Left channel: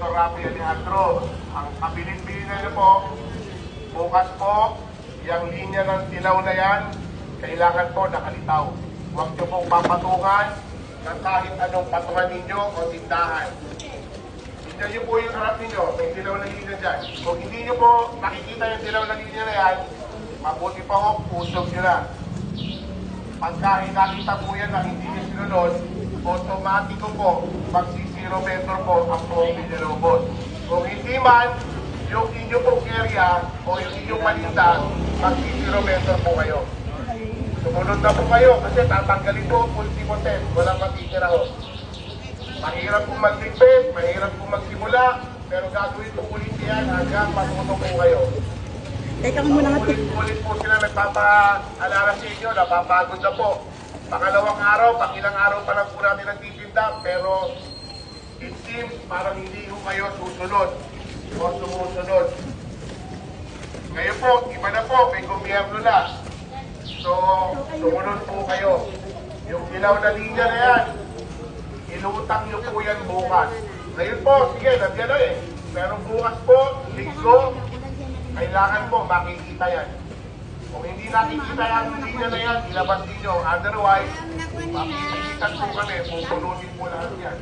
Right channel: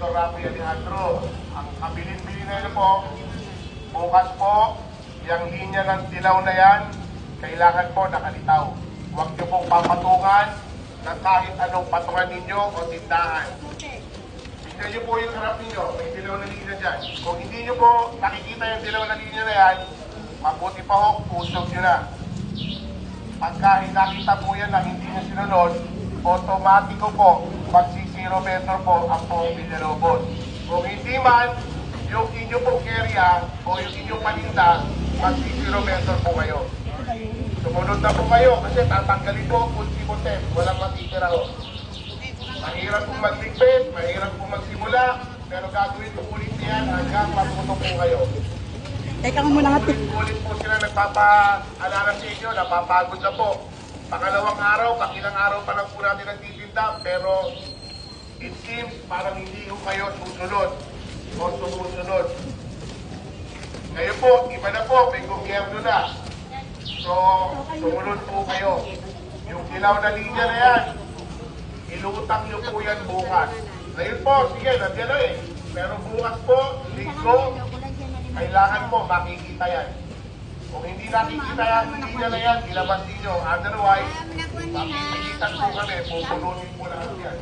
Senator Rafi Alejandro. Ang kabilin-bilin na niyo po, bukas po, yung linya ng dilaw na yan, kailangan po nakalitaw. Huwag niyo pong papatungan na kahit anong patungan ninyo o tindahan. Tignan niyo po yung harap ninyo, may dilaw na linya dyan. Kung hindi niyo po nakikita yung dilaw na linya na yan, mabuti pa ho, usog nyo na. Pagka nakita po yan na hindi nyo sinunod, automatiko po, mag-0 meter po ang pong Villalobos. Kung hindi man, yung inyo pong area o yung inyong palinda, mag-0 meter po kayo. Sumunod na po kayo kasi tatanggalin po ang ultimo-tem, walang matitira ho. Mahirap pong magligpit, mahirap pong magsimula, pero gagawin po ulit yan hanggang matuto po kayo. Teka muna nga. Ulit po sila nagpapaalala sa inyo, napapagod na po. Pangalawang araw, ilang araw pa lang po natin nagtitinda, pero it seems parang hindi po kayo susunod o sumusunod. Ngayon po, iba na po, may gobyerno na. So, sumunod po kayo. Yung dilaw na linya na yan, ilutang nyo po yan bukas. Ngayon po, sige, nandiyan na eh. Pero bukas po, linggo, kailangan po makikita yan. Kung hindi nakikita yan, hindi na yan, ilabas ninyo. Otherwise, makikita po kami, pupununin po lahat yan.